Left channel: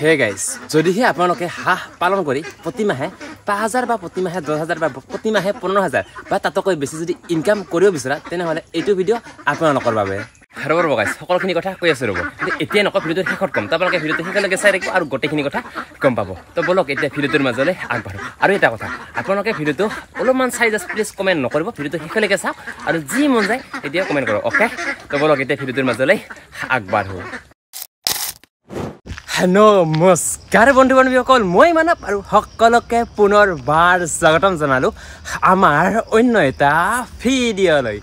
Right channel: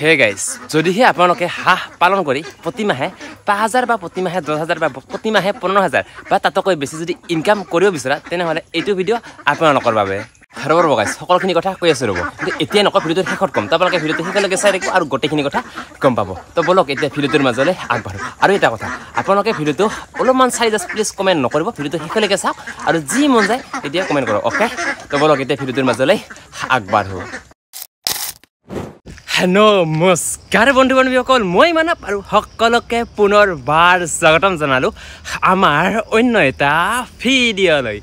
hey guys যদিহে আপোনালোকে হাঁহ পালন কৰি প্ৰতিমাহে ৫,০০০ বা প্ৰতিমাহে ১০,০০০ বা প্ৰতিমাহে ১৫,০০০ বা তাতকৈ বেছি যদি ইনকাম কৰিব বিচৰা তেনেহ'লে এইটো ভিডিঅ' আপোনালোকৰ বাবে ৰ'ব গাইজ সকলোখিনি কথা কৈ আছোঁ ৰ'ব কিন্তু এতিয়া নকওঁ ভিডিঅ'টোৰ শেষত ক'ম আপোনালোকে ভিডিঅ'টো শেষলৈকে চাই থাকিব আৰু গোটেইখিনি কথা গম পাব তো বলক এতিয়া ভিডিঅ'টোৰ মাজলৈ আগবাঢ়ো আৰু এটা কথা আপোনালোকে ভিডিঅ'টো অলপমান চাই জাষ্ট প্লিজ কমেণ্ট নকৰিব ভিডিঅ'টো শেষলৈকে চাওক আৰু যি মন যায় এতিয়া কমেণ্ট কৰক অ'কে তো বলক এতিয়া ভিডিঅ'টোৰ মাজলৈ আগবাঢ়ো নমস্কাৰ বন্ধু বান্ধৱীসকল মই মানৱ আৰু সকলোকে পুনৰবাৰ স্বাগতম জনালোঁ আমাৰ অন্য এটা ভিডিঅ'লৈ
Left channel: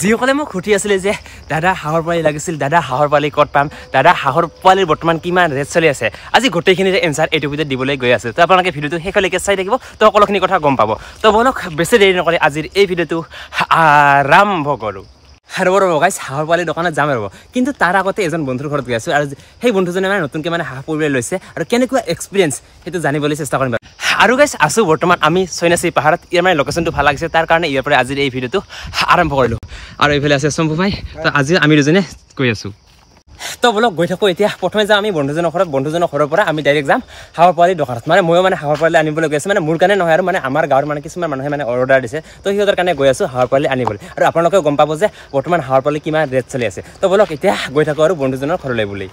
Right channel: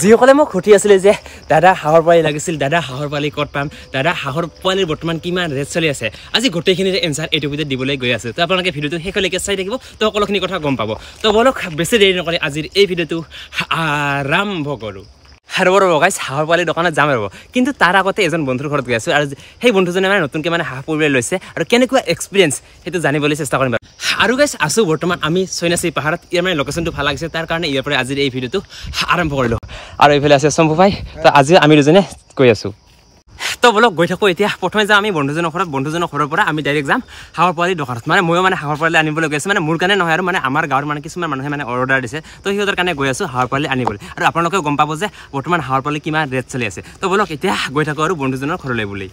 যিসকলে মোক সুধি আছিলে যে দাদা হাঁহৰ পোৱালি লাগিছিল দাদা হাঁহৰ পোৱালি ক'ত পাম দাদা হাঁহৰ পোৱালিৰ বৰ্তমান কিমান ৰেট চলি আছে আজি গোটেইখিনিৰ এনচাৰ এইটো ভিডিঅ'ত দিবলৈ গৈ আছোঁ তো আপোনালোকে ভিডিঅ'টো শেষলৈকে চাই থাকিব তো সকলোখিনি কথা গম পাব তো বলক বেছি দেৰি নকৰি আজিৰ এই ভিডিঅ'টো আৰম্ভ কৰোঁ ৰ'ব গাইজ হাঁহৰ পোৱালি দোকানত যাম ৰ'ব কিন্তু তাৰ আগতে এজন বন্ধুৰ ঘৰত গৈ আছোঁ আৰু সেই বন্ধুজনে মানে নতুনকৈ মানে হাঁহ পুহিবলৈ লৈছে আৰু কেনেকুৱা এক্সপিৰিয়েঞ্চ সেইটো জানিবলৈ চেষ্টা কৰিম আৰু গাইজ আছোঁ বৰ্তমান আমি সৈনাচী পাহাৰত ইয়াৰ মানে লোকেশ্যনটো ভাল লাগিছে তাৰ কাৰণে ইয়াৰ পৰা আজিৰ এই ভিডিঅ'টো আৰম্ভ কৰিলোঁ আৰু এইফালে আছে শম্ভু ভাই তো আজিও আমি দুজনে গৈ আছোঁ তো বলক গৈ থাকোঁ এতিয়া প্ৰথমে যাম আমি বন্ধুজনৰ ঘৰৰ পৰা আমি ডাইৰেক্ট যাম হাঁহৰ পোৱালি দোকানত মানে ময়ো মানে হাঁহৰ পোৱালি আনিবলৈ গৈ আছোঁ মানে মোৰ কাৰণে নহয় আৰু মানে আমাৰ গাঁৱৰ মানে কিছুমান মানুহে মানে অৰ্ডাৰ দিছে তো সিহঁতৰ কাৰণে গৈ আছোঁ হাঁহৰ পোৱালি আনিবলৈ আৰু আপোনালোকেও গম পাব যে বৰ্তমান হাঁহৰ পোৱালি কিমান ৰেট চলি আছে তো বলক এতিয়া গৈ থাকোঁ আৰু বন্ধুজনৰ ঘৰলৈ বুলি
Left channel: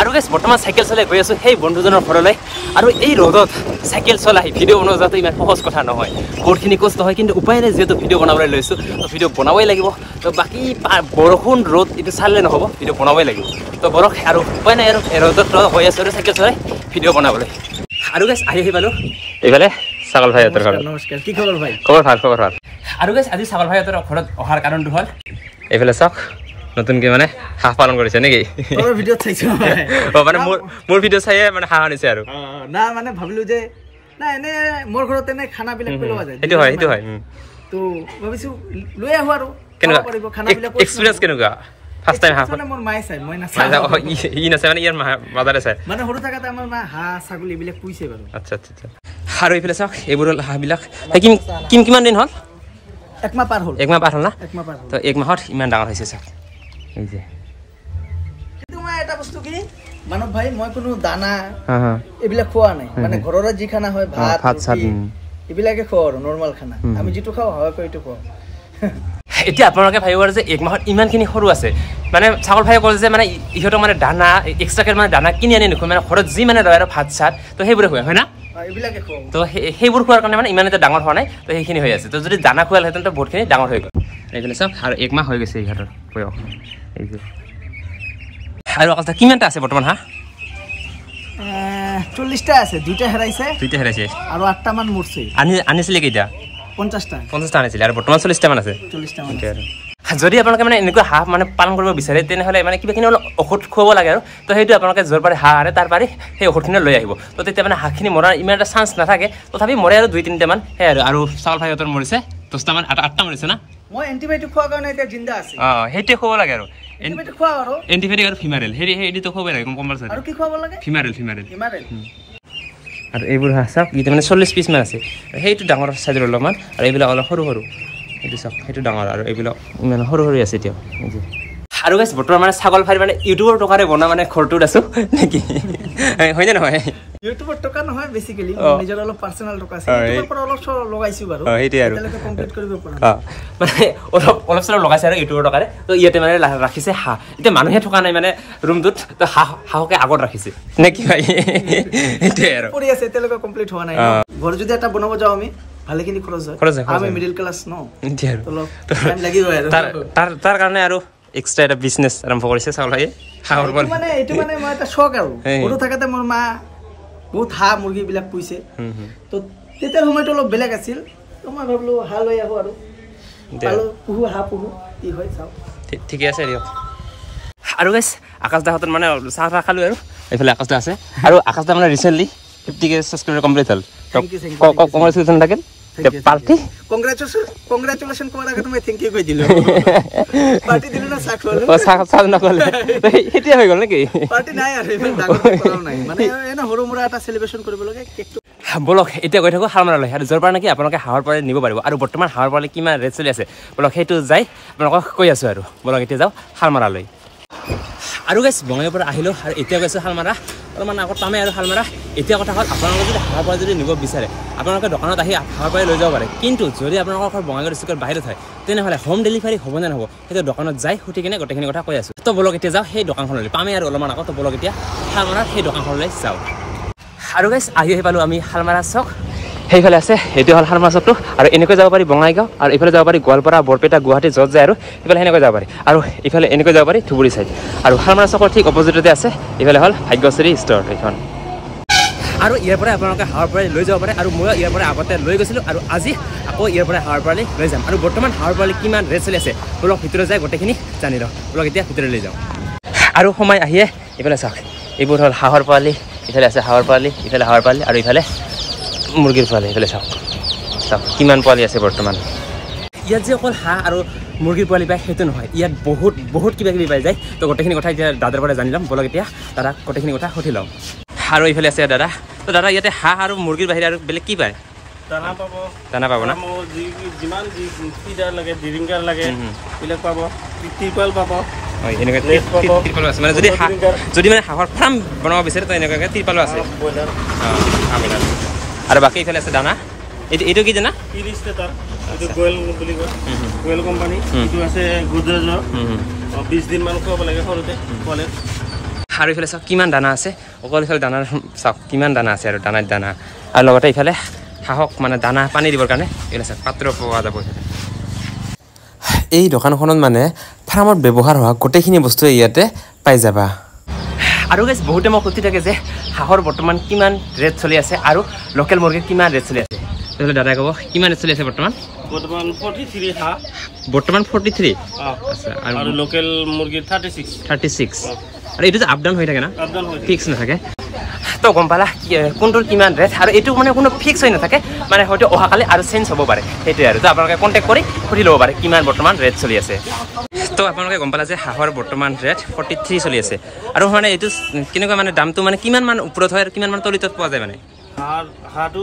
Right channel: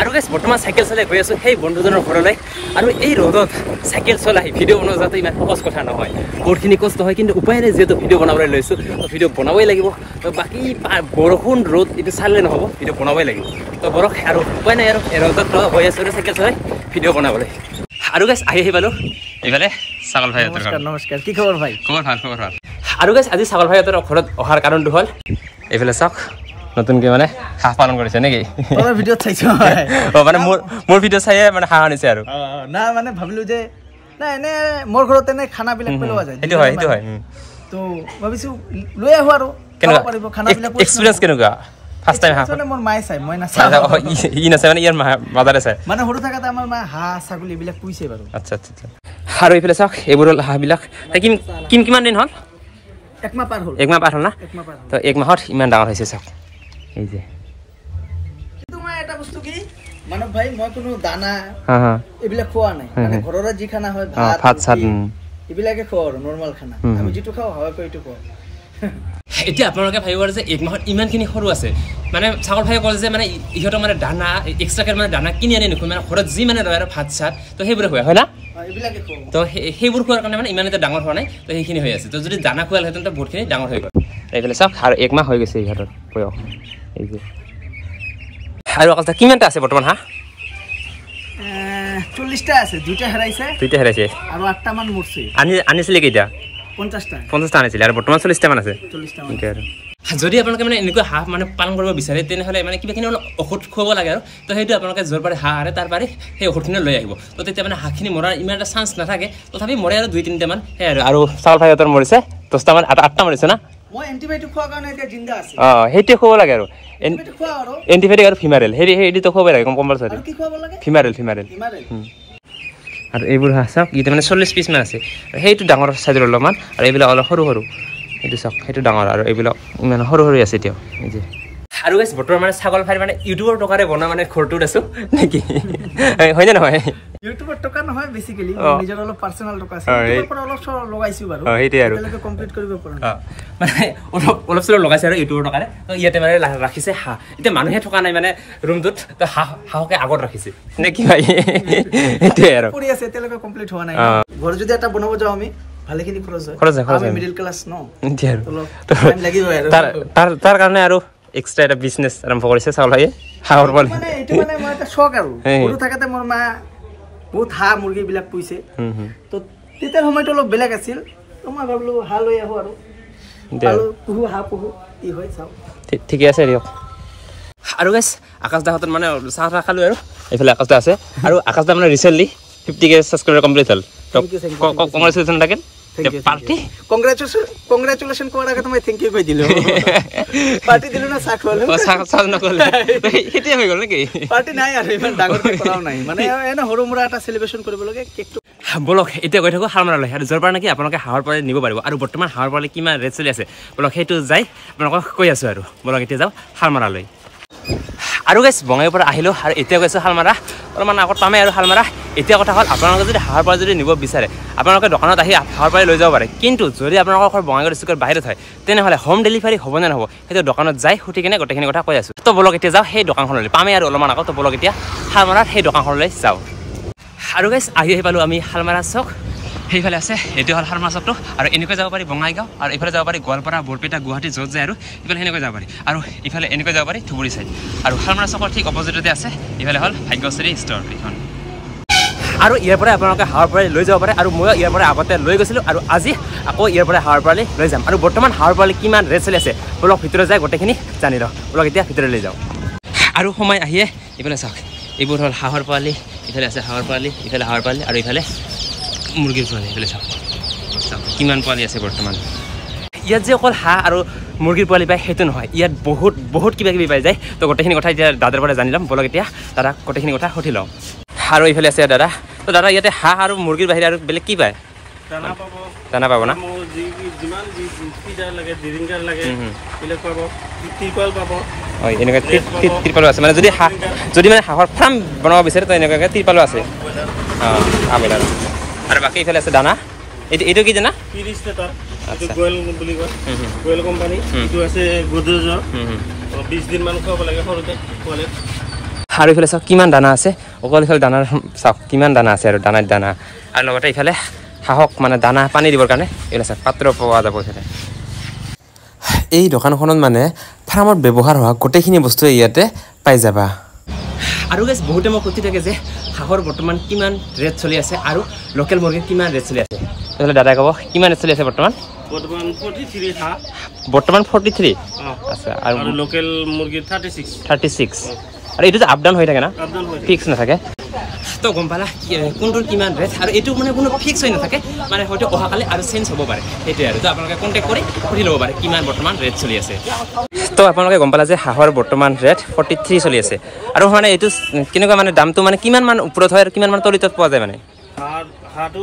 আৰু গাইজ বৰ্তমান চাইকেল চলাই গৈ আছোঁ সেই বন্ধুজনৰ ঘৰলৈ আৰু এই ৰ'দত চাইকেল চলাই ভিডিঅ' বনোৱা যাতে ইমান সহজ কথা নহয় বহুতখিনি কষ্ট হয় কিন্তু উপায় নাই যিহেতু ভিডিঅ' বনাবলৈ লৈছোঁ তো ভিডিঅ' বনাবই লাগিব তো বাকী বৰষুণ ৰ'দ এইটো চালে নহ'ব ভিডিঅ' বনাবই লাগিব তো বৰক আৰু উপায় নাই আৰু ৰ'দত হৈ আছোঁ আৰু চাইকেল চলাই ভিডিঅ' বনাবলৈ আৰু গাইজ আহি পালোঁ এইফালে ছাগল ভাইহঁতৰ ঘৰত নমস্কাৰ কি খবৰ ভাই খবৰ ভাল আৰু গাইজ আজি ছাগল ভাইহঁতৰ ঘৰত অহাৰ কাৰণটো হ'ল এইফালে চাওক নতুনকৈ মানে হাঁহ পালন কৰিছে নেকি ভিডিঅ'ত চাইছোঁ মানে মোৰ ভিডিঅ' চাইয়ে মানে হাঁহ আনিছে আৰু না মানে ভাবিলোঁ যে না এনে মোৰ ঘৰত এনে খানাবিলাক পেলোৱা যায় সেইটো হয় তো ভাবিছোঁ লৈ আহোঁ আৰু কেনেকুৱা খানাবিলাক এক্সপিৰিয়েঞ্চ কেনেকুৱা ফাৰ্ষ্ট টাইম হাঁহ মোৰ মায়ে চাই মই নাচাওঁ ই নাচাই মানে ইয়াৰ মাদাৰে চাই মানে সৰু থাকোঁতে আমাৰ মা হাঁহ ছাগলী এইবিলাক পুহিছে বাৰু আচ্ছা আৰু এইফালে চাওক এইবোৰ হ'ল হাঁহবিলাক কিমান দিন হ'ল একমাহ পাৰ হ'ল না তো এক মাহত ইমান ডাঙৰ হৈছে চাওক এই যে কিন্তু মই এটা বস্তু কি মানৱ ভাই মই কোনো দানা এইবিলাক খোৱা নাই মানে ঘৰৰে যি খানা হয় ভাত এইবিলাকে খোৱা আৰু নৰ্মেল খানা আমি যিটো খাওঁ হয় এইটো খোৱা এতিয়া আপোনালোকে ভাবিব যে এক মাহত ইমানখিনি সৰু আছে মানে ছাগল ভাই ক'লে যে মানে ইহঁতক মানে দানা এক্সট্ৰাকে মানে দানা কিনি আনি নোখোৱা মানে ঘৰত যি মানে ৰয় আৰু ভাত চাত তো সেইবোৰে খোৱা হয় না এইবিলাকে খোৱা তো সেইবোৰ খোৱাৰ কাৰণে মানে ইমান এটা ডাঙৰ হোৱা নাই তো সেইখিনি হৈ আছে তো যদি দানা খোৱালহেঁতেন তো বহুতখিনি ডাঙৰ হৈ গ'ল এইফালে চাওক আৰু এক মাহ হৈ গৈছে ইহঁতৰ বয়স এই যে আৰু অকল কিমানটা আছে বৰ্তমান হাঁহ 40টা আছে দুইটা হেৰাইছে আৰু 8টা মান মৰছে আনিছিলে কেইটা 50টা আনিছিলে আৰু বৰ্তমান 40টা মান আছে যদি আপোনালোকে মানে এনেকুৱা হাঁহ মানে পালন কৰিব বিচাৰে তেনেহ'লে মানে কিবাখিনি অলপ ঔষধ খুৱাব লাগে আৰু তো সেইটো আপোনালোকে য'ৰ পাৰি হাঁহ আনে তাৰ পাৰি সেই ঔষধখিনি লৈ আহিব তো তেতিয়া মানে হাঁহখিনি মৰাৰ ইমান এটা চান্স নাথাকে তথাপি মৰে আৰু 2-3টা মান সেই আৰু ছাগল ভাইহঁতৰ মৰিছে 10টা মান 8টা মৰিছে না মই এণ্টিবায়'টিক খোৱাৰ কাৰণে এতিয়া জিন্দা আছে সেইটোৱে খুৱাব লাগে আৰু এণ্টিবায়'টিক আৰু ফিমাৰেল সেইটো খুৱাব লাগে কম্পালচৰি আৰু কি খুৱাব লাগে ফিমাৰেল আৰু এইবোৰ হাঁহ চাওক এইটো মানে 40 পিচ মান আছে সেইটো ডাঙৰ চাইজৰ অলপমান আৰু এইবিলাক অলপ সৰু সেইটো চাওক সেইটো ডাঙৰ আৰু এইবিলাক ইমান সৰু আছে এতিয়াও এই যে আৰু গাইজ বৰ্তমান মানে ছাগল ভাই মানে ইউটিউবৰ টকাৰে বনোৱা মানে ঘৰটোত আছোঁ নেকি হয়নে নহয় ইউটিউবৰ টকা নহয় বেছিকেলি নিজৰ অলপ পাৰ্চনেল টকা আছে ইউটিউবৰ পৰা অলপ লগাইছোঁ বাৰু সেইটোৱে আৰু কমপ্লিট কৰিব পৰা মানে অলপ চলপ লগাইছে আৰু ইউটিউবৰ টকাৰে তো ইয়াতে মানে ৰাখিছে হাঁহ এতিয়া মানুহে থকা নাই মানে ৰুমটোত তো হাঁহকে আগত ৰাখিছে নে কি ভাই সেইটোৱে আৰু কৰি আছে এতিয়ালৈকে কমপ্লিট হোৱা নাই ঘৰ যদি এটা বনাব যাওঁ আমি ভালেখিনি খৰচ হয় আমি মিডল ক্লাছ ন টাইম লাগিব আৰু তাৰ কাৰণে আৰু এক্সট্ৰা এটা বিজনেছ আৰম্ভ কৰিছে ছাগল ভাইয়ে হাঁহৰ পোৱালি মানে এইটো মানে মই এটা চখ আৰু সৰু থাকোঁতে মোৰ মা বহুত হাঁহ মুৰ্গীবিলাক পুহিছে তো তেতিয়াৰ সময়টো অলপ বেলেগ আছিল তো মই ভাবিলোঁ হাঁহ লৈ আহোঁ আৰু হাঁহ পুহোঁ কি হয় চাওঁ ঠিকে আছে দিয়ক আৰু গাইজ আকাশ দাহঁত মানে চাহ খালোঁ আৰু এইফালে আকাশ দা আছে আৰু আকাশ দা মানে ৰিচেণ্টলি 50K ছাবস্ক্ৰাইবাৰ কমপ্লিট হ'ল কংগ্ৰেচুলেশ্যন থাকিল পাৰ্টি কংগ্ৰেচুলেশ্যন কৰাৰ আগতে মই থেংক ইউ কৈ দিলোঁ পাৰ্টি দিলোঁ না চাহ নক'লে সেইটোৱে হৈ গ'ল নেকি পাৰ্টি নাই আৰু ইমান ডাঙৰ কৰাও নাই মানে এনে সৰু মুৰা এটা চেলিব্ৰেশ্যন কৰিব লাগে কেকটো বলক এতিয়া গৈ থাকোঁ হাৰমাৰালৈ আৰু য'ৰ পৰা নেকি আপোনালোকে হাঁহৰ পোৱালি নিব পাৰিব আৰু বৰ্তমান হাঁহৰ পোৱালি কিমান ৰেট চলি আছে বলক সেইটো যাই আপোনালোকক কৈ আছোঁ আৰু বলক এতিয়া যাওঁ হাৰমাৰালৈ আৰু গাইজ বঙাইৰ পৰা আহিলোঁ আৰু এতিয়া গৈছোঁ শালমাৰা অলপমান আগত পামে আৰু শালমাৰা এতিয়া কথা হ'ল আপোনালোকে যদি হাঁহৰ পোৱালি যদি নিব বিচাৰে আপোনালোকে দোকানত আহি হাঁহৰ পোৱালি লৈ যাব পাৰে কিন্তু যদি আপোনালোকৰ ঘৰ বঙাইগাঁও ডিষ্ট্ৰিক্টৰ বাহিৰত হয় তেনেহ'লে হোম ডেলিভাৰী হ'ব নে নহ'ব সেইটো দোকানত যাই সুধি কিনে গোটেইখিনি কথা কৈ আছোঁ তো বলক এতিয়া যাওঁ সেই দোকানখনলৈ পামে আৰু অলপমান আগত তো বলক এতিয়া শালমাৰাৰ সেই দোকানখনলৈ যাওঁ আৰু গাইছ আহি পালোঁ আমি শালমাৰা চক সেইফালে আছে এইটো হ'ল শালমাৰা চকটো আৰু এনেকৈ যাব পাৰি বঙাইগাঁও আৰু এইফালে যাব পাৰি গোৱালপাৰা বৰপেটা গুৱাহাটী য'ত যায় আৰু এইফালে সেনেকৈ যাব পাৰি আৰু এইফালে এনেকৈ যাব পাৰি ধুবুৰী চাইড আৰু শালমাৰা চকৰ ঠিক অপজিটতে আছে এইফালে হ'ল ভাগ্যশ্ৰী ষ্ট'ৰ এইখন আৰু ইয়াৰ পৰাই আপোনালোকে হাঁহৰ পোৱালি লৈ যাব পাৰে আৰু ময়ো ইয়াৰ পৰা আগতে লৈ গৈছিলোঁ আৰু আজি আকৌ ইয়াৰ পৰা হাঁহৰ পোৱালি লৈ যাম আৰু বৰ্তমান হাঁহৰ পোৱালি কিমান ৰেট চলি আছে বলক ভিতৰত যায় গোটেইখিনি জানি লওঁ বলক এতিয়া ভিতৰত লৈ যাওঁ আৰু সময় আহিয়ে এইফালে চাওক এইবোৰ হ'ল হাঁহৰ পোৱালি ইফালে আছে হাঁহৰ পোৱালি ইফালে হাঁহৰ পোৱালি আৰু ইফালে মুৰ্গীৰ পোৱালি এইফালে চাওক চাওক কিমান পোৱালি আছে বৰ্তমান ইয়াত যে অকল হাঁহ আৰু মুৰ্গীৰ পোৱালি পায় সেইটো নহয় ইয়াত বহুত কিবা কিবি পাই যায় তো গোটেইখিনি কথা এতিয়া দাদাৰ পৰা জানি ল'ম বলক এতিয়া দাদাক গোটেইখিনি কথা সুধি লওঁ আৰু এইফালে আছে দাদা তো দাদা ইয়াতে হাঁহ আৰু মুৰ্গীৰ বাহিৰে আৰু বেলেগ কি পায় দানা পাব না হয় এনেকৈ ত্ৰিপালো আছে মানে যদি মানে হাঁহৰ ফাৰ্ম বনাব বিচাৰে তো এনেকুৱাকৈ ত্ৰিপালো আছে অঁ আমিল আৰু বাকী এইফালে আছে দানা এইটো কি জানা গোয়েল কোম্পানী এইটো আছে গোদৰেজৰ 20 দিন মান খুৱাব লাগে সৰুতে আৰু এইফালে চাওক কিমান দানা আছে অকল এইফালে দানাৰ চাওক কিমান দানা আছে আৰু দানা আৰু লগতে এইফালে হাঁহক মানে দানা পানী দিবৰ কাৰণে এইফালে চাওক পাত্ৰ পোৱা যাব এইফালে এই দোকানখনত মানে ফাৰ্মত ব্যৱহাৰ হোৱা গোটেইখিনি বস্তুৱে ইয়াতে পাই যাবা আৰু গাইজ বহুতে মোক সুধি থাকে যে হাঁহৰ বৰ্তমান কিমান ৰেট চলি আছে আৰু লোকেল মুৰ্গীৰ কিমান ৰেট চলি আছে তেতিয়াহ'লে দাদাই ক'ব কিমান ৰেট চলি আছে বৰ্তমান 43 হাঁহ বৰ্তমান 43 আচ্ছা আৰু লোকেল মুৰ্গী 36 আৰু এইটো যে আপ ডাউন হৈ থাকে না ফিক্স নাথাকে তো গম পালা কোনটোৰ কিমান ৰেট আৰু এইটো মানে কোনো ফিক্স হৈ নাথাকে মানে হয়তো অহাকালি আৰু চেঞ্জ হ'ব পাৰে সেইটোৱে আৰু তো আপোনালোকে কণ্টেক্ট কৰি সুধি ল'ব পাৰে কিমান বৰ্তমান ৰেট চলি আছে তো আপোনালোকে গম পালা যে হাঁহৰ বৰ্তমান ৰেট 43 চলি আছে আৰু মানে এইটো কেনেকুৱা মানে দামটো মানে কিমান মান ওপৰত হয় আৰু কিমান মান তলিতত পোৱা যায় মানে হাঁহটো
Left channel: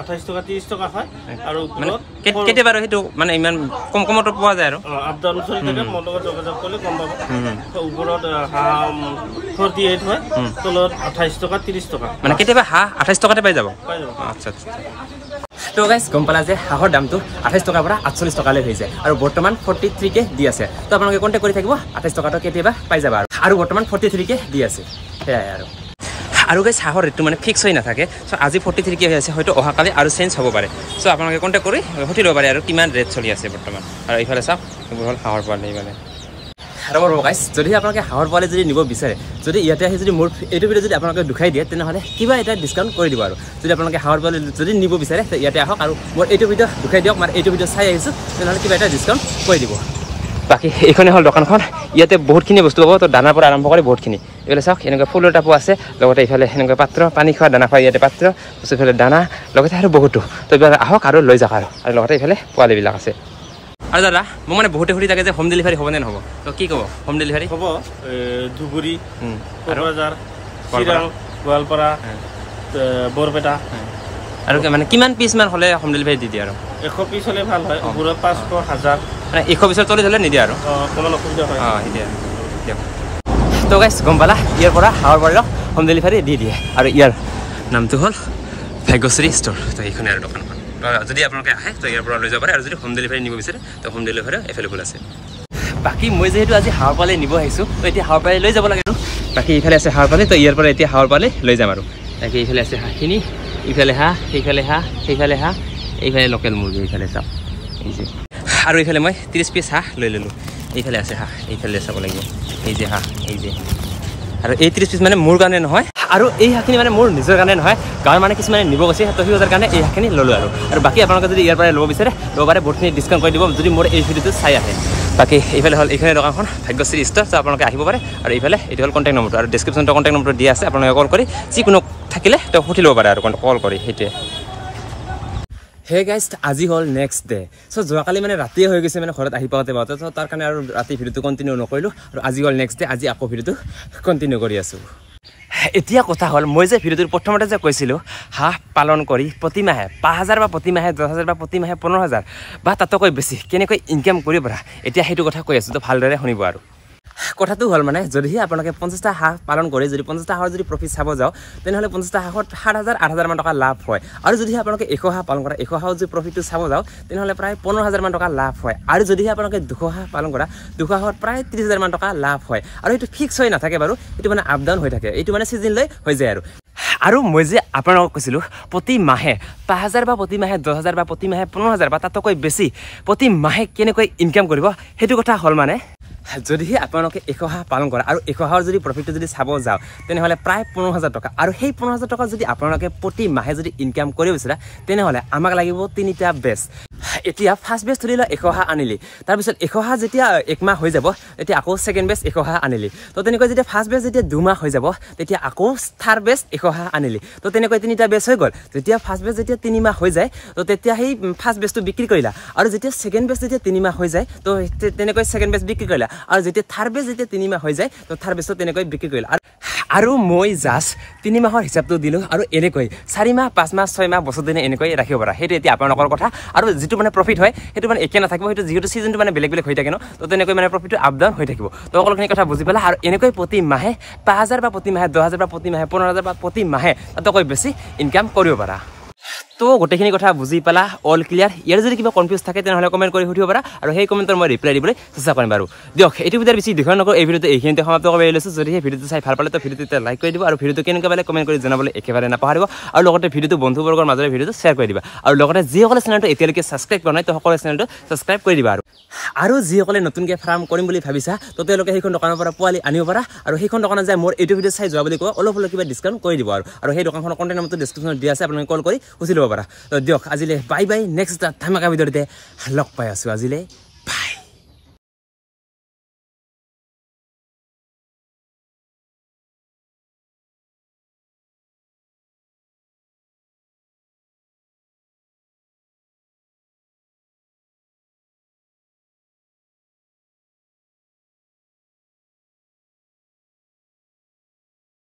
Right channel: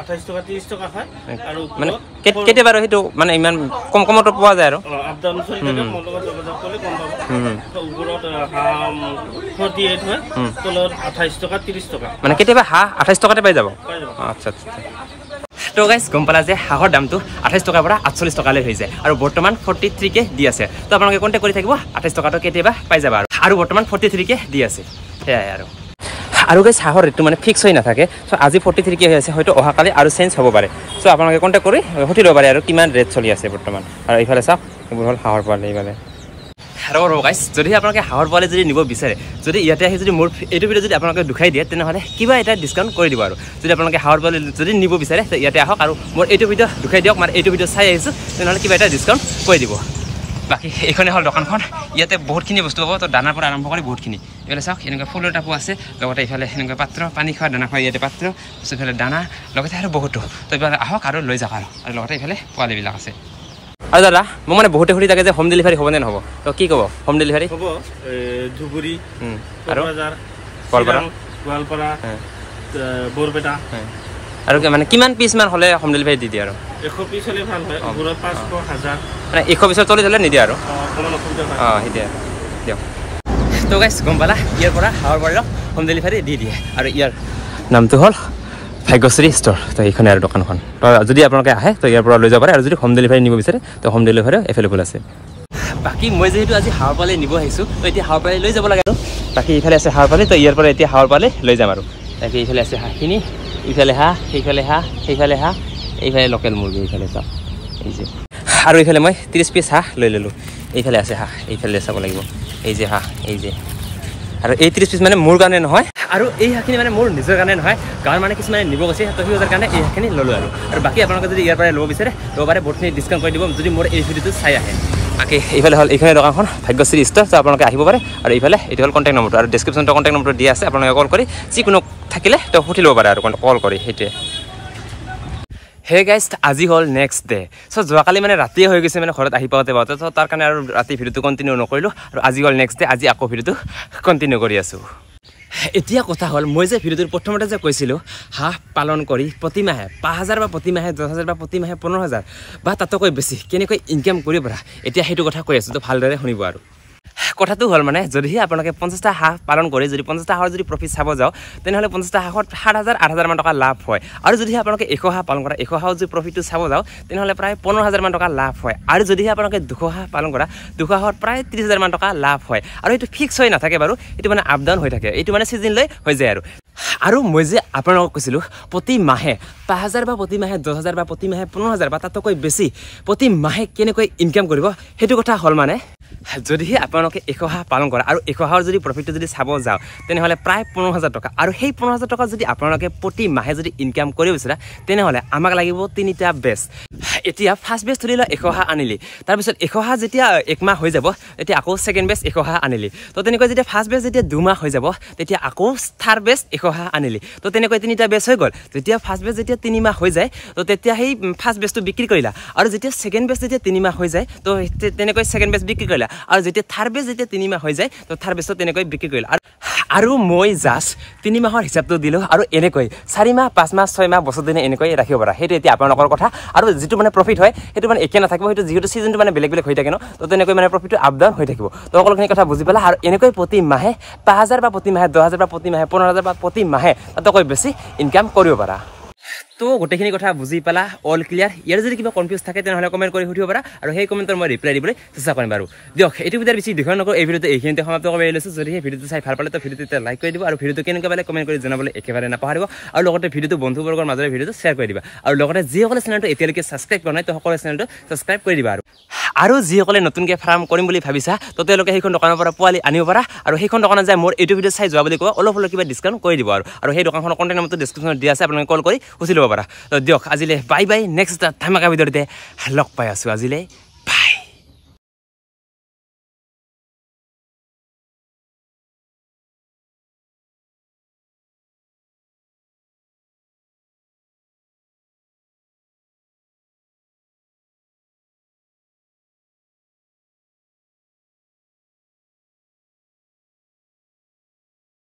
28 টকা 30 টকা হয় আৰু মানে কেতিয়াবা আৰু সেইটো মানে ইমান কমতো পোৱা যায় আৰু আপ ডাউন চলি থাকে মলগত যোগাযোগ কৰিলে কম পাব তো ওপৰত হাঁহ 48 হয় তলত 28 টকা 30 টকা মানে কেতিয়াবা হাঁহ 28 টকাতে পাই যাব আচ্ছা তো গাইজ গম পালা যে হাঁহৰ দামটো 28 টকাৰ পৰা 48 টকালৈ হৈ যায় আৰু বৰ্তমান 43 কে দি আছে তো আপোনালোকে কণ্টেক্ট কৰি থাকিব 28 টকাটো কেতিয়াবা পাই যাবা আৰু বৰ্তমান 43 কে দি আছে সেয়াই আৰু গাইজ হাঁহৰ ৰেটটো মানে ফিক্স হৈ নাথাকে চ' আজি 43 কে হৈ আছে হয়তো অহাকালি আৰু চেঞ্জ হ'ব পাৰে চ' আপোনালোকে কণ্টেক্ট কৰি সুধি ল'ব পাৰে আৰু কিমান ৰেট চলি আছে বৰ্তমান আৰু এইফালে চাওক এইবোৰ হ'ল হাঁহৰ পোৱালি এইফালে আৰু গাইজ যদি আপোনালোকে হাঁহৰ পোৱালি যদি নিব বিচাৰে যদি ইয়াতে আহি যদি মোৰ এইটো ভিডিঅ' যদি আপোনালোকে দুখাই দিয়ে তেনেহ'লে কিবা এটা ডিছকাউণ্ট কৰি দিব আৰু যদি আপোনালোকে হাঁহৰ পোৱালি যদি নিব বিচাৰে ইয়াতে আহক আৰু মোৰ এইটো ভিডিঅ' দুখাই দিয়ক মানে এইটো ভিডিঅ' চাই আহিছোঁ তেনেহ'লে কিবা এটা ডিছকাউণ্ট কৰি দিব বাকী এইখনে হ'ল দোকানখন ইয়াতে বহুতখিনি বস্তু পাব তো দানাৰ পৰা আৰম্ভ কৰি বহুতখিনি এইফালে চাওক এনেকুৱা ফুলৰ টাপো আছে লগতে এইফালে এনেকুৱা পাত্ৰ পানী খোৱা দানা খোৱা ইয়াতে পাত্ৰ এইফালে দানা লগতে আৰু বহুতো তো এইফালে আহক আৰু লৈ যাওক আৰু লগতে এইফালে পোৱালিবিলাক আছে আৰু দাদা মোক মানে বহুতে সুধি থাকে যে হোম ডেলিভাৰী হ'ব নে নহ'ব তো কি ক'ব হোম ডেলিভাৰী হ'ব ধুবুৰী আৰু গোৱালপাৰা বৰপেটা আৰু মানে কিমান পিচ মান হ'লে হোম ডেলিভাৰী দি দিয়ে আৰু 100 পিচ হ'লে ভাল হয় 500 1000 মানে 100 পিচৰ তলি হ'লে নিদিয়ে আৰু অকণমান অসুবিধা হয় সেইটোৱে দিয়ক তো গাইজ গম পালা ইয়াৰ পৰা হাঁহৰ পোৱালিক হোম ডেলিভাৰী দি দিয়ে আৰু ইয়াৰ নামটো হ'ল ভাগ্যশ্ৰী ষ্ট'ৰ তো এইখনে আৰু দোকানখন তো যদি আপোনালোকে আহে তো ইয়াৰ পৰা লৈ যাব পাৰে আৰু যদি হোম ডেলিভাৰী নিব বিচাৰে তো হোম ডেলিভাৰীও এভেইলেবল আছে বাকী মই যিহেতু আজি হাঁহৰ পোৱালি নিব আহিছোঁ তো এতিয়া হাঁহৰ পোৱালি লৈ যাব লাগে আৰু বাকী ইফালে আছে হাঁহৰ পোৱালি তো ইয়াৰ পৰা এতিয়া হাঁহৰ পোৱালি লৈ যাম আৰু তাকে এইফালে আছে হাঁহখিনি ইফালে হাঁহ সেইফালে হাঁহ সেইফালে হাঁহ এইফালে লোকেল মুৰ্গী এইফালে চাওক এই যে আৰু এইফালে মই 30 পিচ হাঁহ লৈ ল'লোঁ এইফালে আছে হাঁহ এইফালে চাব লাগিব এই যে হাঁহ এই যে আৰু এই 30 পিচ মানে মোৰ কাৰণে নহয় আৰু এই হাঁহখিনি মানে মোৰ নিজৰ কাৰণে নহয় গাঁৱৰ মানে কিছুমানে নিব গৈছে তো সিহঁতৰ কাৰণে এই হাঁহখিনি ল'লোঁ আৰু বাকী আপোনালোকে যদি ইয়াৰ পৰা ল'ব বিচাৰে ল'ব পাৰে বহুতখিনি ডিছকাউণ্ট কৰি দিব যদি মোৰ এই ভিডিঅ'টো চাই আহে বাকী এইফালে হ'ল এইখনে দোকানখন ভাগ্যশ্ৰী ষ্ট'ৰ তো আপোনালোকে আহিব পাৰে আৰু এইফালে এইটো হ'ল কণ্টেক্ট নম্বৰটো আৰু ডিছক্ৰিপশ্যনটো কণ্টেক্ট নম্বৰটো দিয়া আছে আপোনালোকে কল কৰি যিকোনো থাকিলে তো সুধি ল'ব পাৰে আৰু কল কৰি সেইটোৱে হে গাইজ আজি হ'ল নেক্সট ডে চ' যোৱাকালি মানে ৰাতিয়ে হৈ গৈছে মানে ঘৰত আহি পাওঁতে চ' তাৰ কাৰণে আৰু ৰাতি ভিডিঅ'টো কণ্টিনিউ নকৰিলোঁ আৰু আজি হ'ল নেক্সট ডে আজি আকৌ ভিডিঅ'টো কণ্টিনিউ কৰি আছোঁ এতিয়া কথা হ'ল মই যে ভিডিঅ'টোৰ প্ৰথমতে যে কৈছিলোঁ হাঁহ পালন কৰি প্ৰতিমাহে 5000 বা প্ৰতিমাহে 10000 বা প্ৰতিমাহে 15000 বা তাতকৈ বেছি কেনেকৈ ইনকাম কৰিব পাৰা এতিয়া সেইটো কথা কৈ আছোঁ তো ভালদৰে শুনিব কথাটো হ'ল মানে যদিহে আপোনালোকে 50টা হাঁহ পালন কৰি যদি 50টা হাঁহৰ যদি প্ৰফিট চাব যাওঁ তেনেহ'লে 50টা হাঁহত 7,000 8,000 মান টকা লাভ হয় আৰু যদিহে আপোনালোকে 100 হাঁহ পালন কৰা 100 হাঁহৰ যদি প্ৰফিটটো চাব যাওঁ তেনেহ'লে প্ৰায় 15,000 মান টকা লাভ হয় আৰু যদিহে আপোনালোকে 200 হাঁহ পালন কৰা 200 হাঁহত প্ৰায় 30,000 মান টকা লাভ হয় আৰু এইটো ফিক্স হৈ নাথাকে বাৰু এইটো মানে আপ ডাউন হৈ থাকে এইটো মানে চিজন লৈ হৈ যায় আৰু মই যে আপোনালোকক কৈছিলোঁ প্ৰতি মাহে 5,000 বা প্ৰতি মাহে 10,000 বা প্ৰতি মাহে 15,000 বা তাতকৈ বেছি প্ৰতি মাহে কেনেকৈ ইনকাম কৰিব সেইটো কথা হ'ল মানে যদিহে আপোনালোকে 100 হাঁহ পালন কৰা আৰু 100 হাঁহৰ যদি প্ৰফিটটো যদি চাব যাওঁ তেনেহ'লে প্ৰায় 15,000 টকা আৰু সেই 15,000 টকা যদি আপোনালোকে প্ৰতি মাহে যদি ইনকাম কৰিব বিচাৰা তেনেহ'লে আমাক লাগিব 3টা বেচ এতিয়া ফাৰ্ষ্ট বেচ ধৰি লওক 100 হাঁহ আনিলি তাৰপিছত 100 হাঁহ যেতিয়া 1 মাহ হৈ যাব তেতিয়া আকৌ ছেকেণ্ড বেচ 100 হাঁহ আনিলি তো তেনেকৈ যেতিয়া ফাৰ্ষ্ট বেচ যেতিয়া 2 মাহ হৈ যাব তেতিয়া আকৌ থাৰ্ড বেচ 100 হাঁহ আনিলি তো তেনেকৈ 3টা বেচ হৈ গ'ল যেতিয়া ফাৰ্ষ্ট বেচ যেতিয়া 3 মাহ হৈ যায় তো তেতিয়া সেই ফাৰ্ষ্ট বেচটো বিক্ৰী কৰিলা আৰু যেতিয়া ছেকেণ্ড বেচ যেতিয়া 3 মাহ হৈ যায় তো তেনেকৈ ছেকেণ্ড বেচ বিক্ৰী কৰিলা আৰু যেতিয়া থাৰ্ড বেচ যেতিয়া 3 মাহ হৈ যায় তো থাৰ্ড বেচটো তেনেকৈ বিক্ৰী কৰিলা আৰু মই জাষ্ট 3 মাহৰ হিচাপটো দিলোঁ আৰু এনেকৈ 4 মাহ 5 মাহ 6 মাহ বছৰ দিনে এনেকৈ ৰাখিব পাৰা সেইটো এতিয়া আপোনালোকৰ কথা আৰু যিটো মানে প্ৰফিট হয় সেইটো মানে একে নাথাকিব সেইটো যিহেতু ছিজনটো মানে বেলেগ বেলেগ হৈ থাকে ন তো তেনেকৈ মানে প্ৰফিটটো আপ ডাউন হৈ থাকিব তো সকলোখিনি কথা বুজি পালা আৰু এনেকৈ প্ৰতি মাহে 5,000 বা প্ৰতি মাহে 10,000 বা প্ৰতি মাহে 15,000 বা প্ৰতি মাহে তাতকৈ বেছি ইনকাম কৰিব পাৰা তো গোটেইখিনি কথা বুজি পালা অল ক্লিয়াৰ ইয়াৰ যদি কিবা কনফিউজ থাকে তেনেহ'লে কমেণ্ট কৰি সুধিব পাৰা আৰু সেই কমেণ্টৰ মই ৰিপ্লাই দিবলৈ চেষ্টা কৰিম বাৰু দিয়ক এইটো ভিডিঅ'ৰ বেছি দীঘল নকৰোঁ এই ভিডিঅ'টো এইখিনিতে সমাপ্ত কৰিব লৈছোঁ যদি সেই ভিডিঅ'টো চাই ভাল পালে তো ভিডিঅ'টো লাইক কৰি দিব আৰু ভিডিঅ'টো কেনেকৈ পালে কমেণ্ট কৰি জনাবলৈ একেবাৰে নাপাহৰিব আৰু লগতে ভিডিঅ'টো বন্ধুবৰ্গৰ মাজৰে ভিডিঅ'টো শ্বেয়াৰ কৰি দিবা আৰু লগতে যিসকলে চেনেলটো এতিয়ালৈকে ছাবস্ক্ৰাইব কৰা নাই তো সকলোৱে চেনেলটো ছাবস্ক্ৰাইব কৰি দিবা আৰু যিসকলে নতুনকৈ ফাৰ্ম কৰিম বুলি ভাবিছা তো তেওঁলোকে সেইখন দোকানৰ পৰা পোৱালি আনিব পাৰা আৰু সেইখন দোকানত যায় মোৰ এইটো ভিডিঅ' চাই যোৱা বুলি কোৱা অলপ কিবা ডিছকাউণ্ট কৰি দিব আৰু সেই দোকানখনৰ কণ্টেক্ট নম্বৰটো ডিছক্ৰিপশ্যনত দিয়া আছে আপোনালোকে কল কৰি সুধি ল'ব পাৰা তো দিয়ক আজিলৈ বাই বাই নেক্সট ধামাকা ভিডিঅ'তে লগ পাই আছোঁ আজিলৈ